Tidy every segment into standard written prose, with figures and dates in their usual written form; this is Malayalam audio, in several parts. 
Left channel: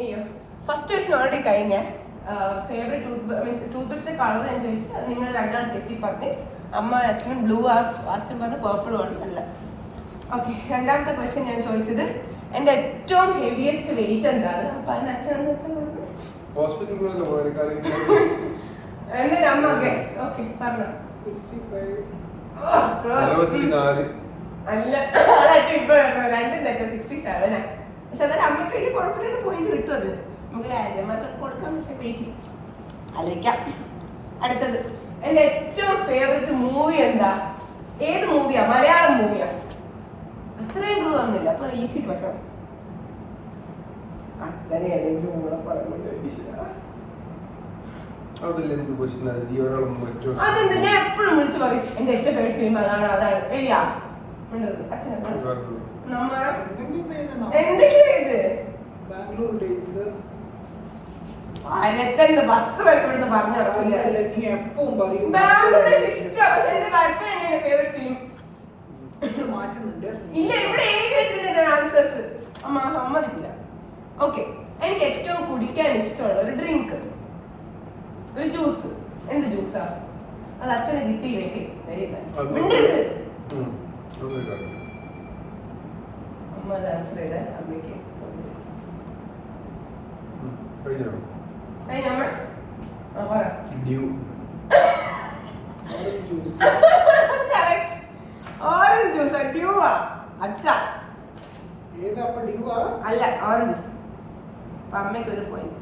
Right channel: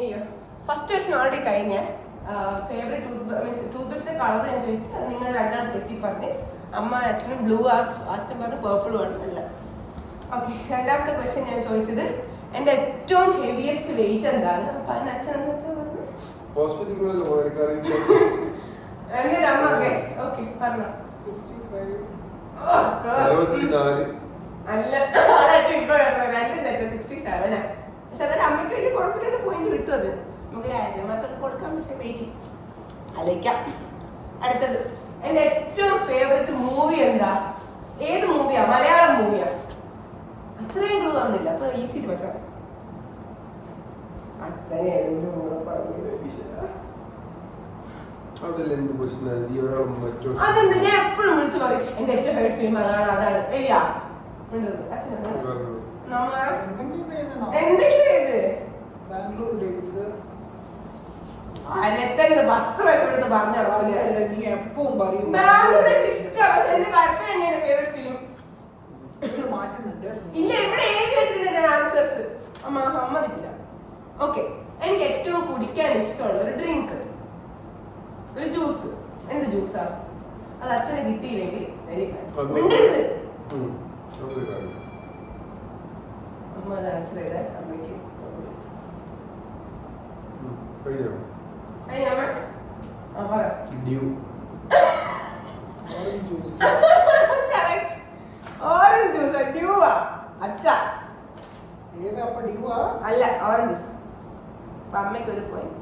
അയ്യോ ഫസ്റ്റ് ക്വസ്റ്റ്യൻ ഓൾറെഡി കഴിഞ്ഞ ഫേവറേറ്റ് ടൂത്ത് ബ്രഷിന്റെ കളർ ഞാൻ ചോദിച്ചു. അത് നിങ്ങൾ രണ്ടാളും തെറ്റി പറഞ്ഞ്. അമ്മ അച്ഛനും ബ്ലൂ ആ, അച്ഛൻ പറഞ്ഞ് പേർപ്പിൾ ആണ്. അല്ല. ഓക്കെ, രണ്ടാമത്തെ ക്വസ്റ്റ്യൻ ഞാൻ ചോദിച്ചത് എന്റെ ഏറ്റവും ഹെവിയസ്റ്റ് വെയിറ്റ് എന്താണ്? അപ്പൊ അതിന് അച്ഛൻ എന്താ അച്ഛൻ പറഞ്ഞു? എന്റെ അമ്മ ഗസ്. ഓക്കെ പറഞ്ഞോ. 65. അല്ല, ഇപ്പൊ രണ്ടും തെറ്റ 67. പക്ഷെ അതൊരു അമ്മയ്ക്ക് വലിയ കുഴപ്പമില്ലാത്ത പോയിന്റ് കിട്ടും. അത് നമുക്ക് രാജ്യമാർക്കൊക്കെ കൊടുക്കാൻ. പക്ഷെ വെയിറ്റ് ആലോചിക്കാം. അടുത്തത് എന്റെ ഏറ്റവും ഫേവറേറ്റ് മൂവി എന്താ? ഏത് മൂവിയാ? മലയാളം മൂവിയാ? അത്രയും ക്ലൂ തന്നില്ല, അപ്പൊ ഈസി പറ്റണം. അച്ഛനെ ഏതെങ്കിലും കൂടെ പറഞ്ഞില്ല. അതെന്ത് ഞാൻ എപ്പോഴും വിളിച്ചു പറയും എന്റെ ഏറ്റവും ഫേവറേറ്റ് ഫിലിം അതാണ് അതാണ്. എലിയാ അച്ഛനെ എന്തെങ്കിലും ഏത് ബാംഗ്ലൂർ ഡേയ്സ് 10 വയസ്സ് എടുത്ത് പറഞ്ഞു ഇല്ല. ഇവിടെ എഴുതി വെച്ചിട്ടുണ്ട് ആൻസേഴ്സ്. അമ്മ സമ്മതിക്കില്ല. ഓക്കെ, എനിക്ക് ഏറ്റവും കുടിക്കാൻ ഇഷ്ടമുള്ള ഒരു ഡ്രിങ്ക്, ഒരു ജ്യൂസ്. എന്ത് ജ്യൂസാ? അത് അച്ഛന് കിട്ടിയില്ലെങ്കിൽ മിണ്ടരുത്. അമ്മ അത് ആൻസർ ചെയ്ത അമ്മയ്ക്ക് ഓറഞ്ച് ജ്യൂസ്. ഡ്യൂവാ അച്ഛാ? അല്ല, ഓറഞ്ച് ജ്യൂസ്. അപ്പൊ അമ്മയ്ക്ക് ഒരു പോയിന്റ്.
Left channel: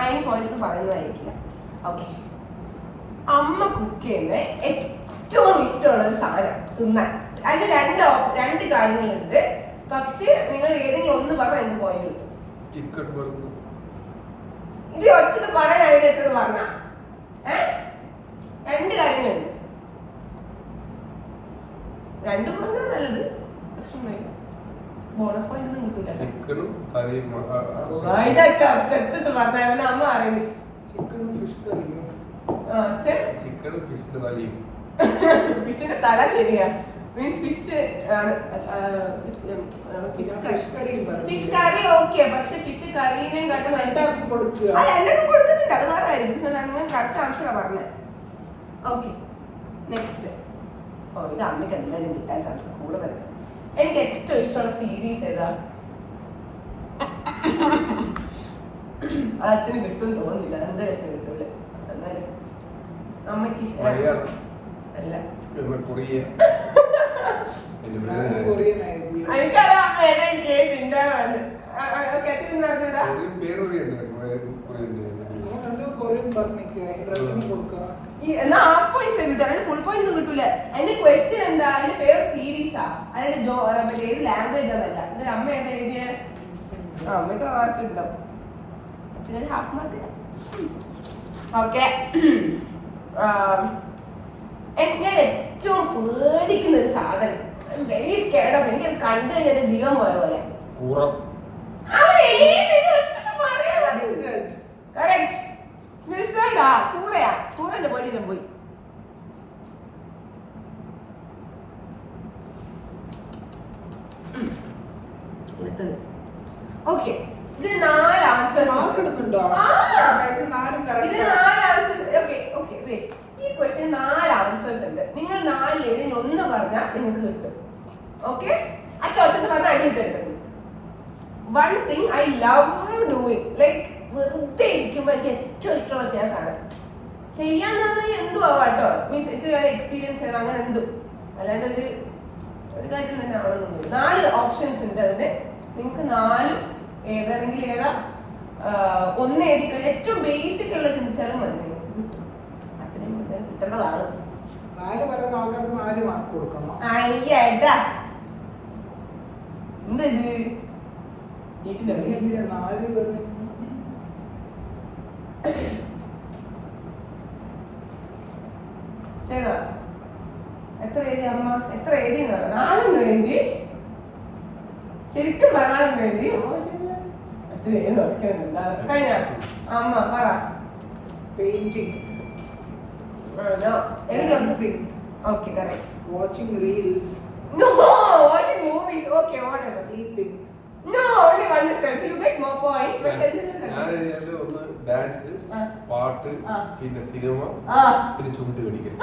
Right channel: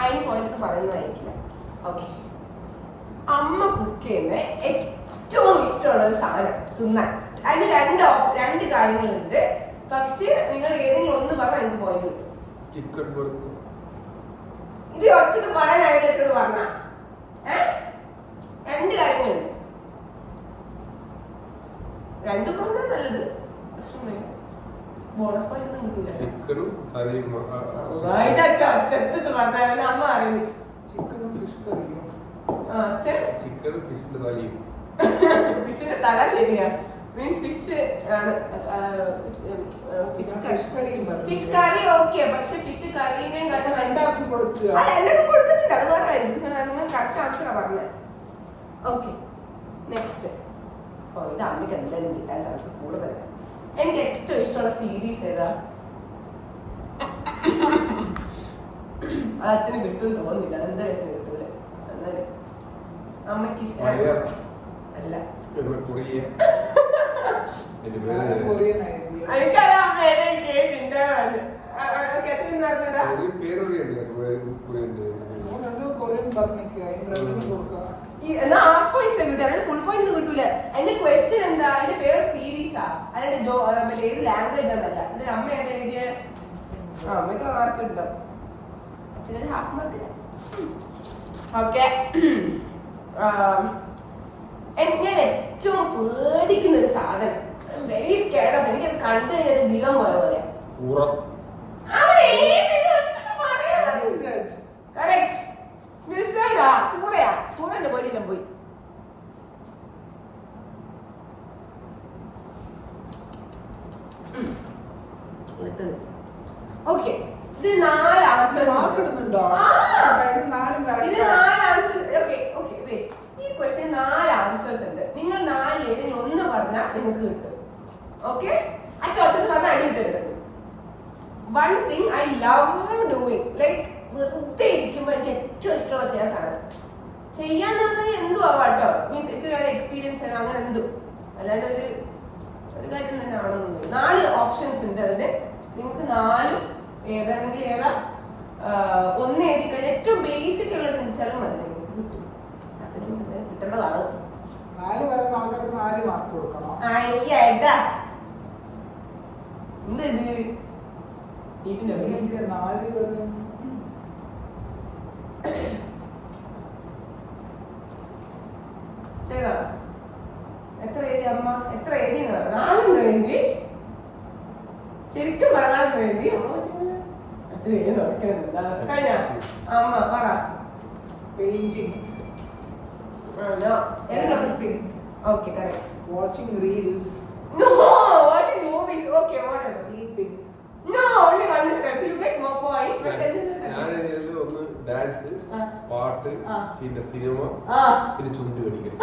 അതിന് പോയിന്റ് ഒന്നും പറയുന്നതായിരിക്കില്ല. ഓക്കെ, അമ്മ കുക്ക് ചെയ്യുന്ന ഏറ്റവും ഇഷ്ടമുള്ള ഒരു സാധനം തിന്നാൻ. അതിന് രണ്ട് കാര്യങ്ങളുണ്ട്. പക്ഷെ നിങ്ങൾ ഏതെങ്കിലും ഒന്ന് പറഞ്ഞാൽ എനിക്ക് പോയിന്റ് കിട്ടും. ഇത് ഒറ്റത് പറയാൻ വെച്ചോട് പറഞ്ഞ രണ്ട് കാര്യങ്ങളുണ്ട്. രണ്ടും പറഞ്ഞാൽ നല്ലത്. പ്രശ്നമില്ല, ബോണസ് പോയിന്റ് ഒന്നും കിട്ടൂല. പറഞ്ഞ അമ്മ അറിയുന്നു. ഫിഷിന്റെ തല ശരിയാ. മീൻസ് ഫിഷ് ആണ്. Fish curry okay. പക്ഷെ ഫിഷ് കറീനെ എല്ലാവർക്കും കൊടുക്കുന്നുണ്ട്. അത് വേറെ ആയിരിക്കും. കറക്റ്റ് ആൻസറാ പറഞ്ഞത്. Okay, next. ഓ, ഇത് അമ്മയ്ക്ക് എന്തായാലും കിട്ടാൻ ചാൻസ് കൂടുതൽ. എനിക്ക് ഏറ്റവും ഇഷ്ടമുള്ള സീരീസ് ഏതാ? അച്ഛന് കിട്ടും തോന്നുന്നില്ല. എന്തായാലും അച്ഛന് കിട്ടൂല. എന്നാലും അമ്മയ്ക്ക് ഇഷ്ടം അല്ല. എനിക്കറിയാം എന്നാ ഹാഫ് പോയിന്റ്സ് കിട്ടും, അല്ലാണ്ട് ഫുൾ പോയിന്റ് കിട്ടൂല. എന്റെ ക്വസ്റ്റ്യൻ എന്താ? എന്റെ ഫേവറേറ്റ് സീരീസാ, അല്ലാണ്ട് ഏത് ലാംഗ്വേജ് ആണല്ല. എന്നിട്ട് അമ്മ എന്താ എഴുതിയ? അമ്മയ്ക്ക് മാർക്ക് ഉണ്ടാവും, അച്ഛനൊരു ഹാഫ് മാർക്ക്. ഓക്കെ, ഞാൻ ഏറ്റവും പേടിക്കുന്ന ഒരു സാധനം, വെരി സ്കേർഡ് ഓഫ്, എനിക്ക് കണ്ടു കഴിഞ്ഞാൽ ജീവൻ പോയ പോലെ. കൂറന്റെ പോയിട്ടെല്ലാം പോയി. ഓക്കെ, ഇത് 4 ആൻസേഴ്സ്. ഈ ക്വസ്റ്റ്യൻ 4 ആൻസേഴ്സ് ഉണ്ട്. നിങ്ങൾ 4 ഏതിൽ ഒന്ന് പറഞ്ഞാൽ നിങ്ങൾക്ക് കിട്ടും. ഓക്കെ, അച്ഛൻ പറഞ്ഞാൽ അടി കിട്ടും. One thing I love doing, like വെറുതെ ഇരിക്കുമ്പോൾ എനിക്ക് ഏറ്റവും ഇഷ്ടമുള്ള ചെയ്യാൻ സാധനം. ചെയ്യാന്ന് പറഞ്ഞാൽ എന്തും ആവാട്ടോ. മീൻസ് എനിക്ക് എക്സ്പീരിയൻസ് ചെയ്യണം, അങ്ങനെ എന്തും. അല്ലാണ്ട് ഒരു കാര്യം തന്നെ ആവണമെന്നൊന്നും. 4 ഓപ്ഷൻസ് ഉണ്ട് അതിന്. നിങ്ങൾക്ക് 4 ഏതാണെങ്കിൽ ഏതാ ഒന്ന് എഴുതി കഴിഞ്ഞാൽ ഏറ്റവും ബേസിക് ഉള്ള ചിന്തിച്ചാലും മതി, നിങ്ങൾക്ക് കിട്ടും. അച്ഛനും കിട്ടേണ്ടതാണ്. എന്താ ഇത്? ചെയ്തോ? എത്ര എഴുതി അമ്മ? എത്ര എഴുതി? 4 എഴുതി. ശരിക്കും 4 എഴുതി. അത്ര എഴുതി കഴിഞ്ഞ അമ്മ പറ. Okay, correct. Watching reels. No, watching movies. Okay, what else? Sleeping. understand. So you get more point. പക്ഷേ ഞാൻ ഒന്ന് ഡാൻസ്, പാട്ട്, പിന്നെ സിനിമ, പിന്നെ ചുണ്ട് കടിക്കൽ.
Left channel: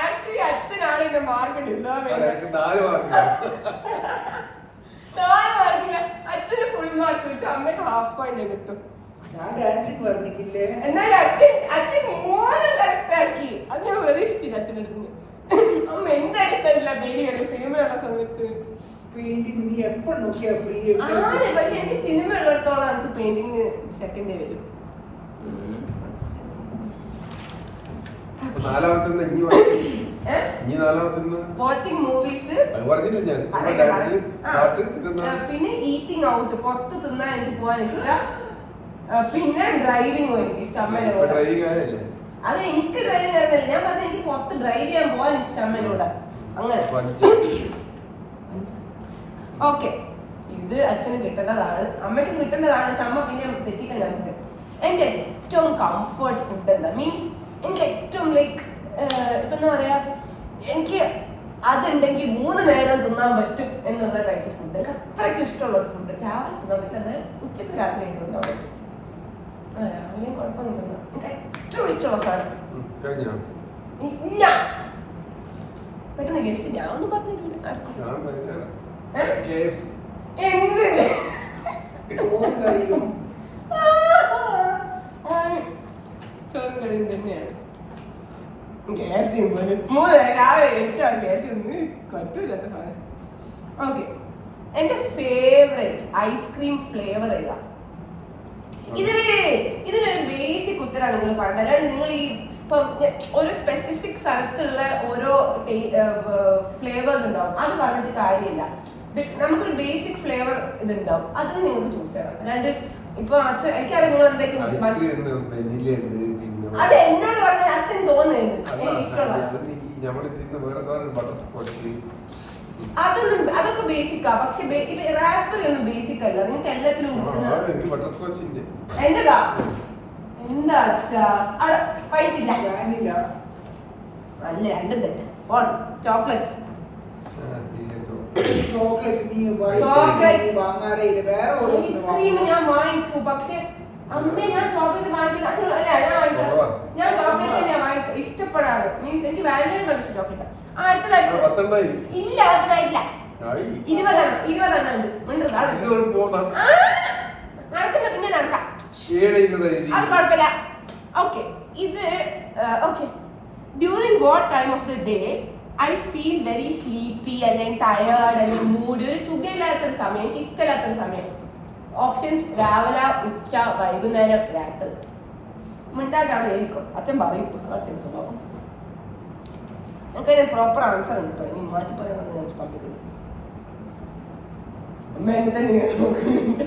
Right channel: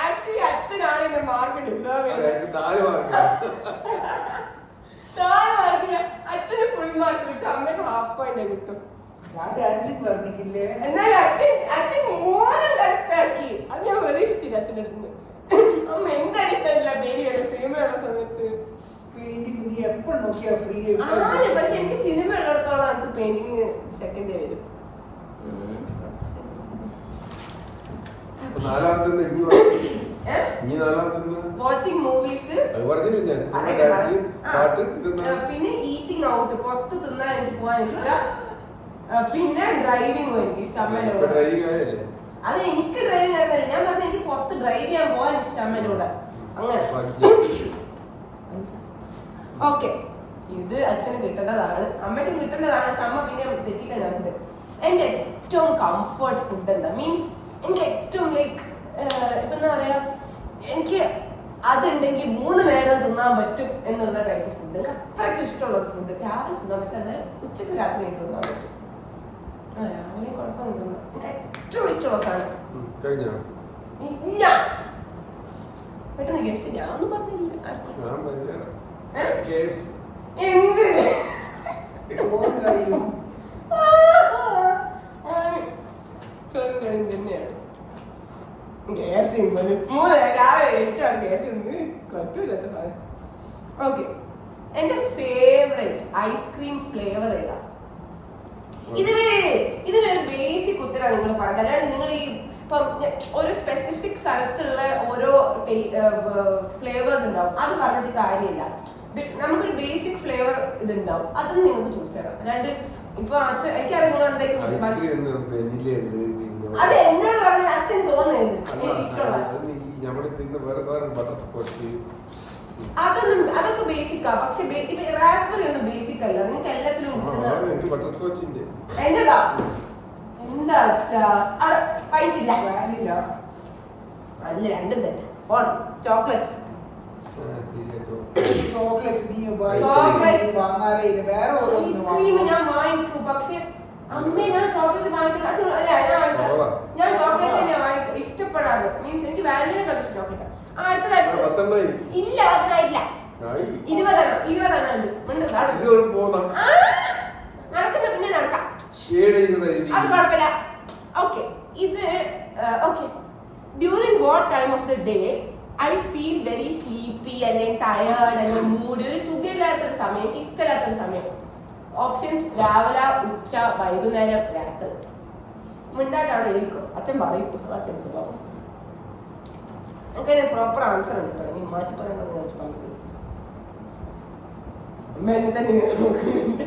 ആക്ച്വലി അച്ഛനാണ് എന്റെ മാർക്ക് ഡിസേർവ് എനിക്ക് 4 മാർക്ക്. അച്ഛന് ഫുൾ മാർക്ക് കിട്ടും, അമ്മക്ക് ഹാഫ് പോയിന്റ് കിട്ടും. ഞാൻ ഡാൻസിങ് പറഞ്ഞിട്ടില്ലേ? എന്നാലും അച്ഛൻ 3 കറക്റ്റ് ആക്കി. അത് ഞാൻ പ്രതീക്ഷിച്ചില്ല അച്ഛൻ്റെ അടുത്ത്. അമ്മ എന്തായിരിക്കില്ല പേര് വരും സിനിമയുള്ള സമയത്ത്. പെയിന്റിങ് നീ എപ്പോ നോക്കിയാ ഫ്രീ ആണ്, പക്ഷെ എനിക്ക് സിനിമ ഉള്ളിടത്തോളം നമുക്ക് പെയിന്റിങ് സെക്കൻഡ് ഡേ വരും. വാച്ചിങ് മൂവീസ്, പിന്നെ ഈറ്റിംഗ് ഔട്ട്, പുറത്ത് തിന്നാൻ എനിക്ക് പോകാൻ ഇഷ്ടം. പിന്നെ ഡ്രൈവിംഗും എനിക്ക് ഇഷ്ടം. അമ്മേനെ കൂടെ അത് എനിക്ക് ഡ്രൈവിംഗ് അറിയില്ല, ഞാൻ പറഞ്ഞ എനിക്ക് പുറത്ത് ഡ്രൈവ് ചെയ്യാൻ പോകാൻ ഇഷ്ടം അമ്മേനെ കൂടെ. അങ്ങനെ ഓക്കെ, ഇത് അച്ഛന് കിട്ടേണ്ടതാണ്, അമ്മയ്ക്കും കിട്ടേണ്ടതാണ്. പക്ഷെ അമ്മ പിന്നെ തെറ്റിക്കാൻ ചാൻസ്. എന്റെ ഏറ്റവും കംഫർട്ട് ഫുഡ് എന്താ മീൻസ് എനിക്ക് ഏറ്റവും ലൈക്ക് ഇപ്പൊ എന്താ പറയാ, എനിക്ക് അതുണ്ടെങ്കിൽ 3 നേരം തിന്നാൻ പറ്റും എന്നുള്ള ടൈപ്പ് ഫുഡ്. എനിക്ക് അത്രയ്ക്ക് ഇഷ്ടമുള്ള ഒരു ഫുഡ്. രാവിലെ തിന്നാൻ പറ്റില്ല, എന്നാൽ ഉച്ചക്ക് രാത്രി എനിക്ക് തിന്നാൻ പറ്റും. രാവിലെയും കുഴപ്പമൊന്നും എനിക്ക് ഏറ്റവും ഇഷ്ടമുള്ള സാധനം ഇല്ല. പെട്ടെന്ന് ഗസ് ഞാൻ ഒന്നും പറഞ്ഞില്ല. എന്ത് ചോറും കറിയും തന്നെയാണ്. പറ്റൂല്ലാത്ത സാധനം. ഓക്കെ, എന്റെ ഫേവറേറ്റ് ഐസ്ക്രീം ഫ്ലേവർ ഏതാ? ഇതിനൊരു ബേസിക് ഉത്തരമാണ് നിങ്ങൾ പറഞ്ഞത്. അല്ലാണ്ട് നിങ്ങൾ ഈ ഒരു സ്പെസിഫിക് സ്ഥലത്തുള്ള ഓരോ ഫ്ലേവേഴ്സ് ഉണ്ടാവും, അത് പറഞ്ഞിട്ട് കാര്യമില്ല. നമുക്കൊരു ബേസിക് ഫ്ലേവർ ഇതുണ്ടാവും, അതും നിങ്ങൾക്ക് ചൂസ് ചെയ്യണം. അല്ലാണ്ട് ഇപ്പൊ അച്ഛൻ എനിക്കറിയാം നിങ്ങൾ എന്തൊക്കെ അത് എന്നോട് പറഞ്ഞത് അച്ഛൻ തോന്നുന്നത് എനിക്ക് ഇഷ്ടമുള്ള അതൊക്കെ ബേസിക്കാ. പക്ഷെ റാസ്ബെറി ഒന്നും ബേസിക് അല്ല, നിങ്ങൾക്ക് എല്ലാത്തിലും എന്റെതാ. എന്താ അച്ഛാ അവിടെ കഴിച്ചില്ല? അല്ല, രണ്ടും തെറ്റാ. ചോക്ലേറ്റ് ഐസ്ക്രീം ഞാൻ വാങ്ങിക്കൂ, പക്ഷെ അമ്മേ ഞാൻ ചോക്ലേറ്റ് വാങ്ങിക്കില്ല. അല്ല, ഞാൻ ചോക്ലേറ്റ് തന്നെയാ വാങ്ങിക്കും, ഇഷ്ടപ്പെടാറ്. മീൻസ് എനിക്ക് വാനില കളിച്ച ചോക്ലേറ്റ്. അടുത്തതായിട്ട് ഇല്ല, അതിനായിട്ടില്ല. 20 ഉണ്ട്. നടക്കുന്ന പിന്നെ നടക്കാം, അത് കുഴപ്പമില്ല. ഓക്കെ, ഇത് okay. During what time of the day I feel very sleepy, അല്ലെങ്കിൽ ടയേർഡ്, അല്ലെങ്കിൽ മൂഡ്, ഒരു സുഖമില്ലാത്തൊരു സമയം, എനിക്ക് ഇഷ്ടമില്ലാത്തൊരു സമയം. ഓപ്ഷൻസ് രാവിലെ, ഉച്ച, വൈകുന്നേരം, രാത്രി. മിണ്ടാണ്ട് അവിടെ ആയിരിക്കും, അച്ഛൻ പറയും. അച്ഛൻ സ്വഭാവം നമുക്ക് പ്രോപ്പർ ആൻസർ ഉണ്ട് കേട്ടോ. ഇനി മാറ്റി പറയാൻ തമ്മിൽ അമ്മ എന്നെ തന്നെ നോക്കുന്നുണ്ട്.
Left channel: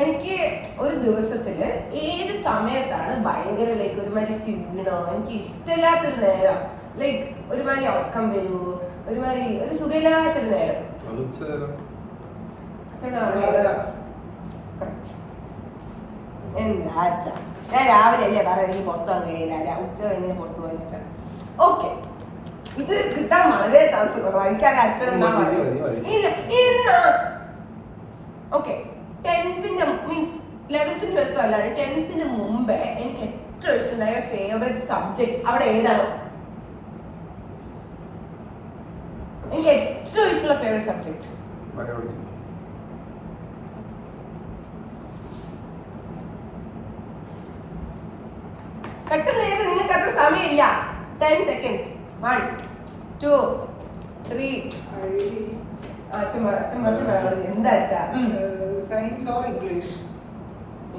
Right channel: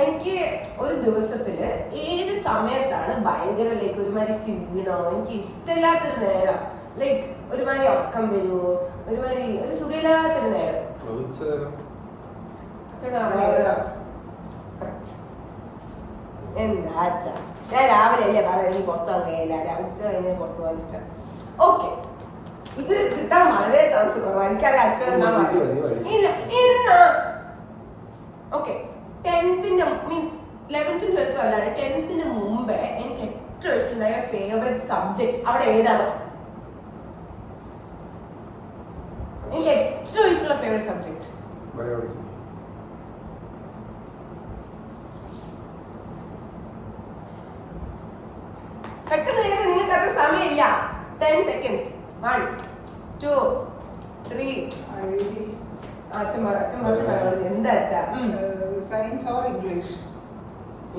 എനിക്ക് ഒരു ദിവസത്തില് ഏത് സമയത്താണ് ഭയങ്കര ലൈക്ക് ഒരുമാതിരി ക്ഷീണോ, എനിക്ക് ഇഷ്ടമില്ലാത്തൊരു നേരം, ലൈക്ക് ഒരുമാതിരി ഉറക്കം വരുമോ, ഒരുമാതിരി ഒരു സുഖമില്ലാത്തൊരു നേരം, എന്താ അച്ഛാ ഞാൻ രാവിലെ അല്ലേ പറയാം എനിക്ക് പുറത്തു പോകാൻ കഴിയില്ല, ഉച്ച കഴിഞ്ഞ് പുറത്തു പോകാൻ ഇഷ്ടം. ഓക്കെ, ഇത് കിട്ടാൻ വളരെ ചാൻസ് കുറവാണ്. എനിക്കറിയാം അച്ഛൻ എന്താ പറയുക. Okay, 10th means 11th 12th അല്ലാണ്ട് 10th മുമ്പേ എനിക്ക് ഏറ്റവും ഇഷ്ടമുണ്ടായ ഫേവറേറ്റ് സബ്ജക്ട് അവിടെ ഏതാണ്? എനിക്ക് ഏറ്റവും ഇഷ്ടമുള്ള ഫേവറേറ്റ് സബ്ജക്ട് പെട്ടെന്ന് ചെയ്ത്, നിങ്ങൾക്ക് അത്ര സമയമില്ല. 10 seconds. 1 2 3. എന്താ അച്ഛാ? Science or English?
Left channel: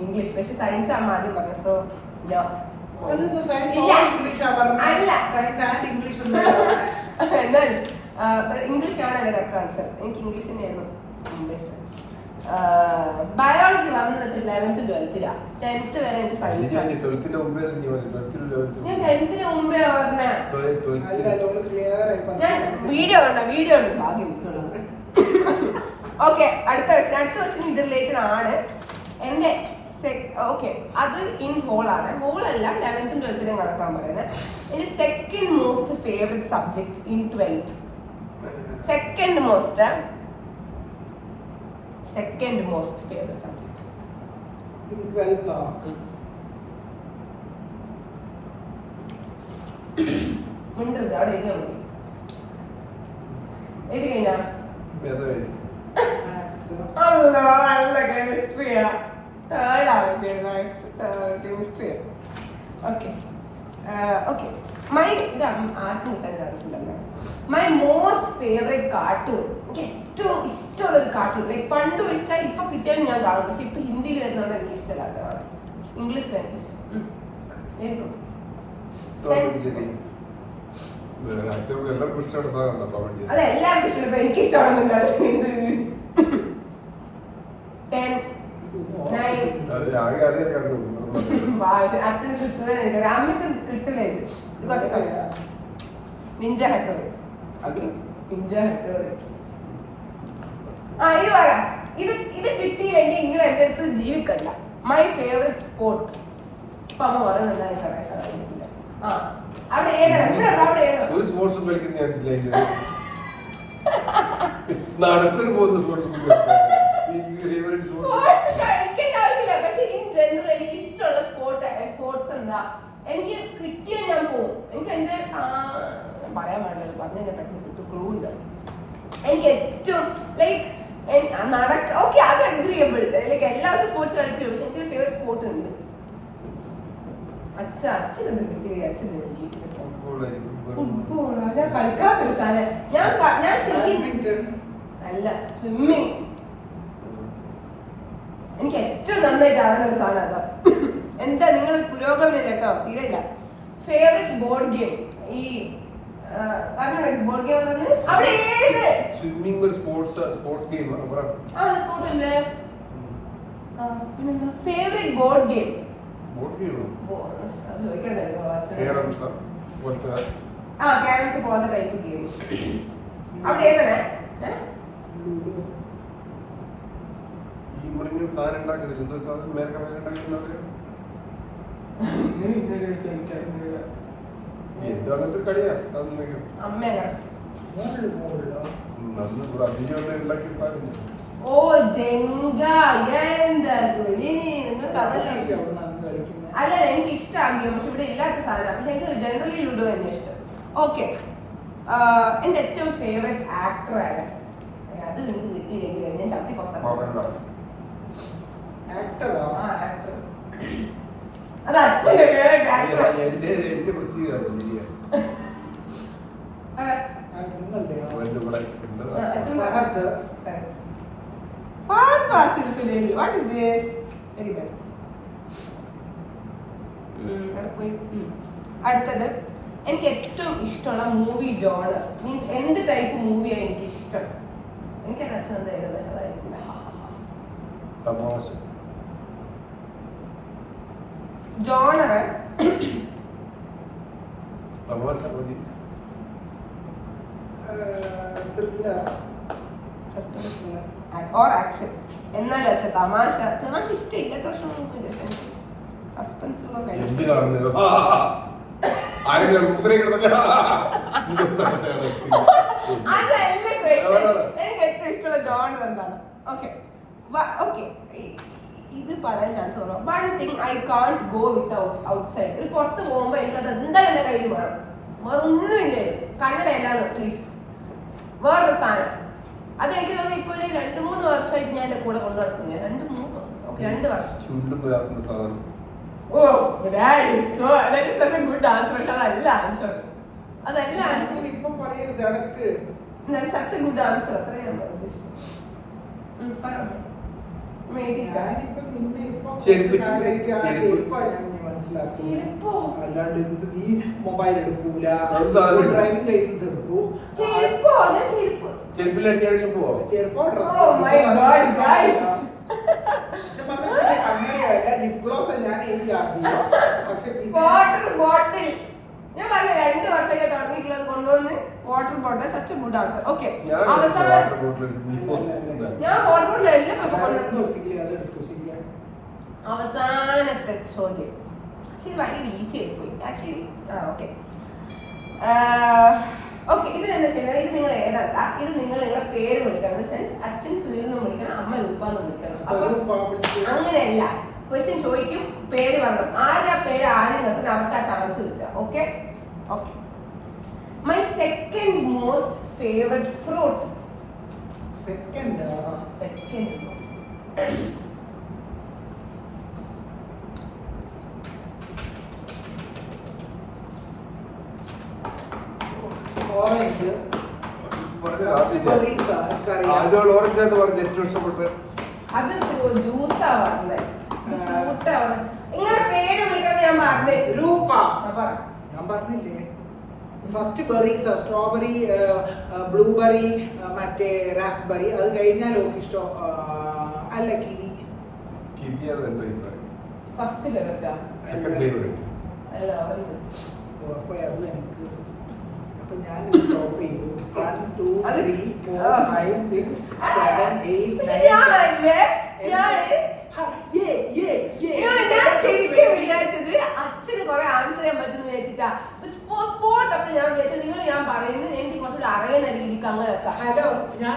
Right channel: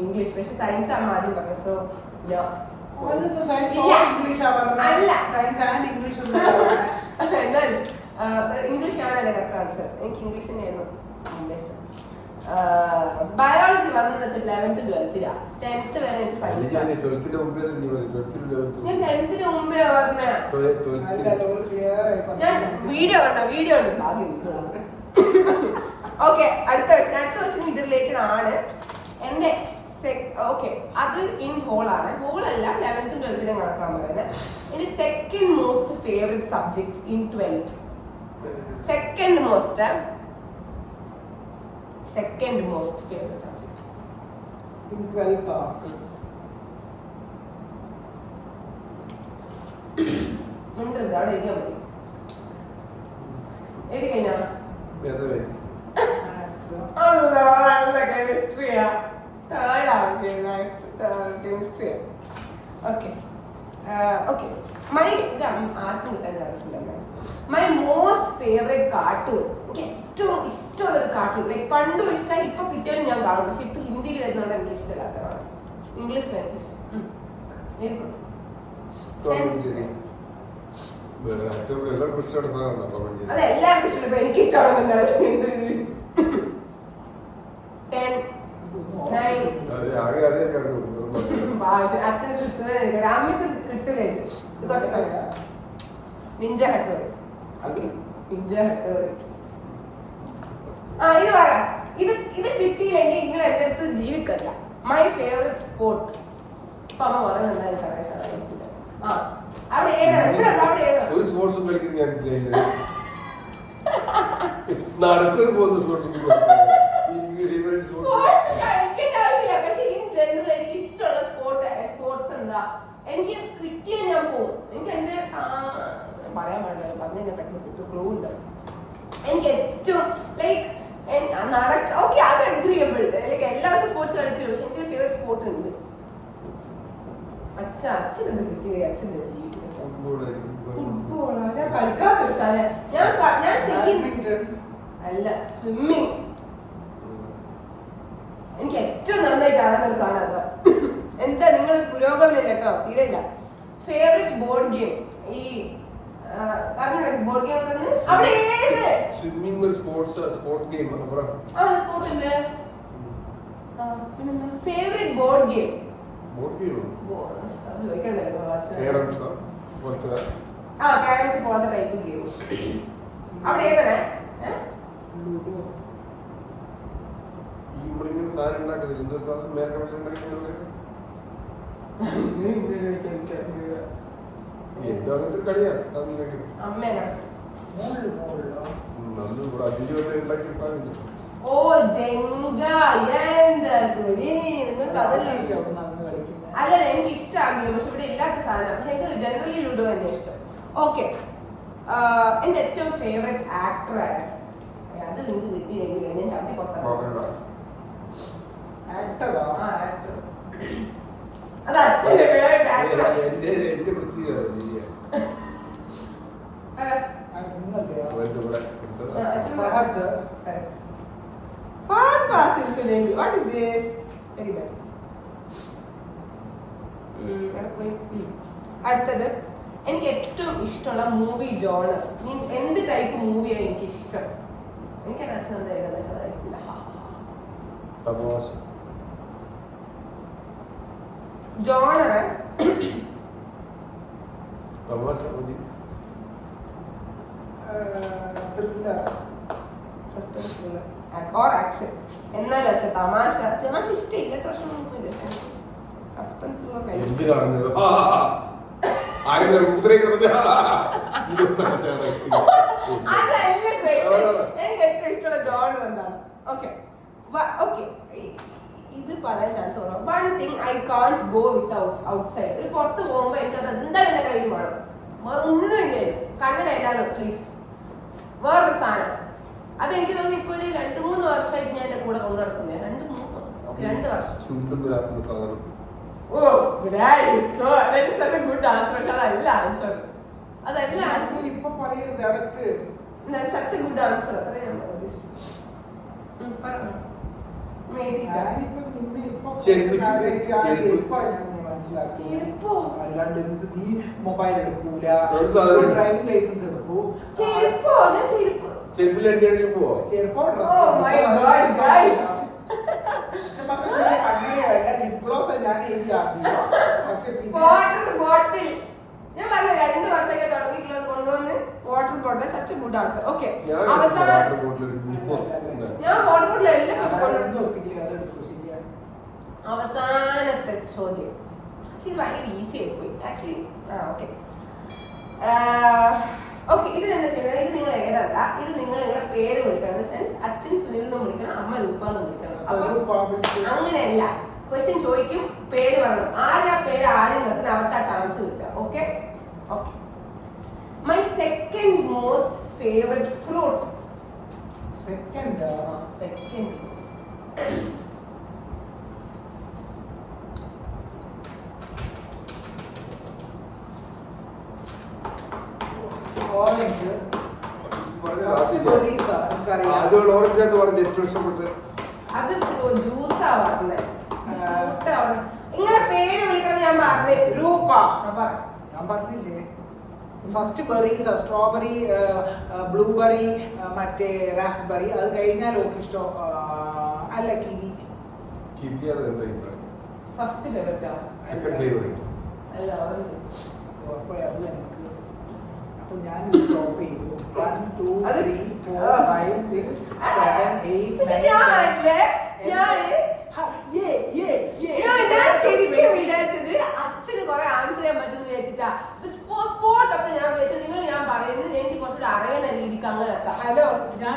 ഇംഗ്ലീഷ്, പക്ഷെ സയൻസ് ആണ് ആദ്യം പറഞ്ഞത്. സോ എന്നാൽ ഇംഗ്ലീഷ് ആണ് എന്റെ കറക്റ്റ് ആൻസർ. എനിക്ക് ഇംഗ്ലീഷ് തന്നെയായിരുന്നു ഇഷ്ടം. ബയോളജി വന്നത് 11th 12th 10th വരെ എനിക്ക് സയൻസ്. ഞാൻ 10th മുമ്പേ പറഞ്ഞ ഞാൻ വീഡിയോ ഉണ്ട് ഭാഗ്യം. ഓക്കെ, അടുത്ത ക്വസ്റ്റ്യൻ ഇത് റിലേറ്റഡ് ആണ്. എന്റെ ഓക്കെ, അത് ഇൻ ഹോളാണ്. ഹോളല്ല, 11th 12th കണക്കാൻ പറയുന്നത്. എന്റെ second most favourite subject in 12th. Second most favourite subject in 12th മിണ്ടരുത്, അവിടെ എഴുതിയാൽ മതി. എഴുതി കഴിഞ്ഞാ നല്ല കെമിസ്ട്രിയാ. തേർഡ് ആവുക കെമിസ്ട്രിയാ. ഓക്കെ ഓക്കെ, മൈ ഇത് ആർക്കും കിട്ടാൻ ചാൻസ് ഇല്ല. മൈ മോസ്റ്റ് ഫേവറേറ്റ് കാർട്ടൂൺ, എനിക്ക് ഏറ്റവും ഇഷ്ടമുള്ള ഒരു കാർട്ടൂൺ, ലൈക്ക് പണ്ടും ഇഷ്ടമായി, ഇപ്പൊ കിട്ടിയാലും ഞാൻ കാണും. പക്ഷെ ഇപ്പൊ ഹിന്ദിയിൽ വരുന്നതുകൊണ്ട് എനിക്ക് ഇഷ്ടമില്ലാത്തതാണ്. ഇംഗ്ലീഷിലാണ് എനിക്ക് ഇഷ്ടം. എല്ലാവർക്കും ഇഷ്ടപ്പെട്ട അതെ, എല്ലാവർക്കും ഇഷ്ടം. ഇപ്പൊ എനിക്ക് ഇഷ്ടമാണെന്നാണ്. 10 9 അച്ഛന് കിട്ടുന്നത് അമ്മക്ക് കിട്ടില്ല. Ninja Hattori. Ninja Hattori. ഇത് പറയാം. ഇത് കിട്ടിയില്ലെങ്കിൽ നിങ്ങൾ എന്റെ അടുത്ത് ജീവിക്കണ്ട. My favourite sport. ഇപ്പൊ അമ്മ പറയുന്നുണ്ട് എനിക്കറിയാം. അവിടെ ഏതാണ്? അവിടെ ഏതാണ്? ഒരു സ്പോർട്സും കളിക്കുന്ന നടക്കൊരു പോകുന്ന സ്പോർട്സ് കളിക്കേണ്ട ആവശ്യമില്ല. പക്ഷെ ഇൻ ജനറൽ എനിക്ക് ഇഷ്ടമുള്ള സ്പോർട്സ് എന്താ, എനിക്ക് കിട്ടിയാൽ ഞാൻ പോകും. എനിക്ക് എന്റെ പറയാൻ പാടില്ല, പറഞ്ഞു ഞാൻ പെട്ടെന്ന് കിട്ടും. ക്ലൂ ഉണ്ട്. എനിക്ക് ഏറ്റവും ലൈക്ക് ഓക്കെ, അത് അഗ്രിയബിൾ. ലൈക്ക് എല്ലാ ദിവസവും സ്പോർട്സ് കളിക്കില്ല. പക്ഷെ എനിക്ക് ഫേവറേറ്റ് സ്പോർട്ട് ഉണ്ട്. അച്ഛനെന്ത് കിട്ടിയ അച്ഛൻ ഫുട്ബോളാ. ഞാൻ കളിക്കാത്തൊരു സാധനം. ഞാൻ അല്ല, സ്വിമ്മിങ്. എനിക്ക് ഏറ്റവും നന്നായിട്ട് അറിയുന്ന ഒരു സാധനം അതാ. എന്താ നിങ്ങൾ പുരോഗമനം കേട്ടോ, തീരെയില്ല. Favourite board game. ഈ പറഞ്ഞോ ബോർഡ് ഗെയിം അവിടെ ഏത് സ്വിമ്മിംഗ് ഒരു സ്പോർട്ട് ഗെയിം. സ്പോർട്ട് ഉണ്ട്. പിന്നെന്താ ഫേവറേറ്റ് ബോർഡ് ഗെയിം? ക്യാരംസ് പോലത്തെ ടൈപ്പ് ഗെയിം. അവിടെ ഏതാണ്? സാധനം ഉണ്ടാക്കത്തില്ല. എന്തോ സാധനം മേലൊക്കെ എന്തോ അങ്ങനത്തെ ഒരു കളിയാ. അമ്മ ഉണ്ടാക്കിയ സാധനം. ഓ ജെങ്ക. നിങ്ങൾക്ക് അല്ല, എനിക്ക് ഇഷ്ടമാകില്ല. പക്ഷെ ഇവിടെ ഇല്ലാത്ത സാധനം. പക്ഷെ എനിക്ക് ജനറലി ലുഡോ തന്നെ ഇഷ്ടം. ഓക്കെ, എന്റെ ഏറ്റവും ഫേവറേറ്റ് ആക്ടർ ആരാ? അത് നിങ്ങൾക്ക് കിട്ടിയില്ലെങ്കിൽ ഞാൻ ചവിട്ടി പുറത്താക്കാം. ആക്ടർ അത് അച്ഛന്റെ favourite actor. Fahadh Faasil Sulaimani. What is this? Very bad. അടുത്തത്, എനിക്ക് ഏറ്റവും ഇഷ്ടമുള്ള മൂവി ജോണർ മീൻസ് എന്ത് ടൈപ്പ് മൂവിയാണ് എനിക്ക് ഇഷ്ടം? എനിക്ക് അച്ഛനെന്താ ഏകദേശം അതായിരിക്കില്ല. Genre suspense thriller or action. എന്നാലും അച്ഛൻ തമാശ ഇഷ്ടമില്ല. സസ്പെൻസ് ത്രില്ലർ എനിക്ക് ഏറ്റവും ഇഷ്ടമുള്ള ജോണർ എന്താണ്? ഓക്കെ ഓക്കെ, ഇത് പറയാൻ ചാൻസ് കുറവാണ്. One thing I can't go without outside. ഒരു പുറത്ത് പോകുമ്പോ എനിക്കത് എന്തായാലും എന്റെ കയ്യിൽ വേണം. വേറെ ഒന്നുമില്ല. കന്നഡ എല്ലാണ് പ്ലീസ്. വേറൊരു സാധനം അത് എനിക്ക് തോന്നുന്നു ഇപ്പൊ ഒരു 2-3 വർഷമായിട്ട് ഞാൻ എന്റെ കൂടെ കൊണ്ടു നടക്കുന്നത്. 2 വർഷം. Oh, that is such a good answer. പക്ഷെ അതല്ല ആൻസർ. അതല്ല ആൻസർ. ഇപ്പൊ പറയരുത് അടക്ക്. such a good answer. അത്ര ഞാൻ ഉദ്ദേശിച്ചു. അല്ലാണ്ട് നീ മൊബൈൽ എടുക്കൂല, ഡ്രൈവിംഗ് ലൈസൻസ് എടുക്കൂ. ചെരുപ്പോ ലിപ്ലോസ് ഞാൻ എഴുതി ആക്കിയോ. പക്ഷെ ബോട്ടിൽ ഞാൻ പറഞ്ഞ 2 വർഷമൊക്കെ തുടങ്ങിയിട്ടുള്ളത് കൊണ്ടുവന്ന് water bottle. Such good answer. Okay, അവസാനം ഞാൻ വാട്ടർ ബോട്ടിൽ എല്ലാം അവസാനത്തെ ചോദ്യം. പക്ഷെ ഇത് ഭയങ്കര ഈസി ആയിപ്പോയി ആക്ച്വലി. ഓക്കെ ഓക്കെ, ഇതിൽ എന്താ ചെയ്യുന്നത്? ഇത് നിങ്ങൾ എഴുതണ്ട, ഇത് നിങ്ങൾ നിങ്ങളെ പേര് വിളിക്കണം. സെൻസ് അച്ഛൻ സുനിൽ എന്നും വിളിക്കണം, അമ്മ രൂപെന്നും വിളിക്കണം. അപ്പൊ അങ്ങനെയല്ല, ക്വസ്റ്റ്യൻ ചോദിക്കും, പേര് പറഞ്ഞു, ആരാ പേര് ആദ്യം നോക്കുന്നത് അവർക്ക് ആ ചാൻസ് കിട്ടുക. Okay okay. My second most favourite fruit. Second orange. ആദ്യമുള്ള ഓറഞ്ച് ആയിട്ട് പറഞ്ഞ ഏറ്റവും ഇഷ്ടപ്പെട്ട് അത് ജ്യൂസാ പറഞ്ഞത്, ഫ്രൂട്ടാ പറഞ്ഞത്. നിങ്ങളെ പേര് വിളിക്കണം ഞാൻ പറഞ്ഞേ. രൂപ ഞാൻ പറഞ്ഞില്ലേ? ഫസ്റ്റ് ബെറീസ്, സ്ട്രോബെറി, ബ്ലൂബെറി, മറ്റേ റാസ്ബെറി. അത് കഴിഞ്ഞാൽ ഓക്ക് ഇഷ്ടം അല്ല കിവി. കിവിയാണ് എന്റെ അഭിപ്രായം. ഫസ്റ്റ് ഫേവറേറ്റാ? സെക്കൻഡ് ഫേവറേറ്റ് അല്ല ഓറഞ്ച്. അപ്പൊ അത് എനിക്ക് അപ്പൊ ഞാൻ ടോപ്പ് ചെയ്തു. 1 2 3 4 5 6 7 8 പക്ഷെ 9 ഞാനല്ലേ ഞാൻ ശരിക്കും വിചാരിച്ചത് അച്ഛന് കുറെ ആൻസർ ചെയ്യാൻ പറ്റുന്ന വിചാരിച്ചിട്ടാ. സ്പോട്ട് ഒക്കെ ഞാൻ വിചാരിച്ചത് നിങ്ങൾ ഞാൻ പറയുന്നത് എനിക്ക് കുറച്ചുകൂടി അറിയുന്ന രീതിക്ക് അങ്ങനെയൊക്കെ. ഹലോ ഞാൻ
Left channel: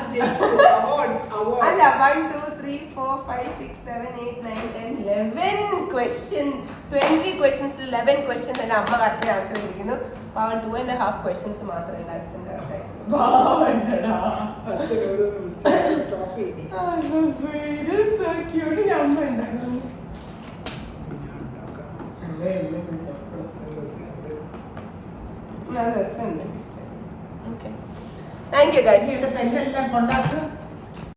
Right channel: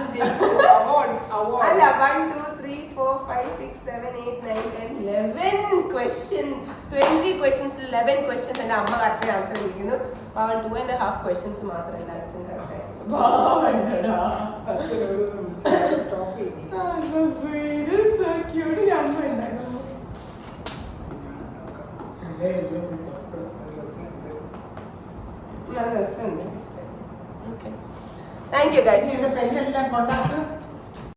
അല്ല 1 2 3 4 5 6 7 8 9 10 11 ക്വസ്റ്റ്യൻ 20 ക്വസ്റ്റ്യൻസിൽ 11 ക്വസ്റ്റ്യൻസ് എന്റെ അമ്മ കറക്റ്റ് ആൻസർ ചെയ്തിരിക്കുന്നു. 2.5 ക്വസ്റ്റ്യൻസ് മാത്രം എന്റെ അച്ഛൻ കറക്റ്റ് ആയിരുന്നു. സ്റ്റോപ്പ് ചെയ്തു. നല്ല രസമുണ്ട്. Okay, thank you guys. പെണ്ണെല്ലാം കൊണ്ടാക്ക്.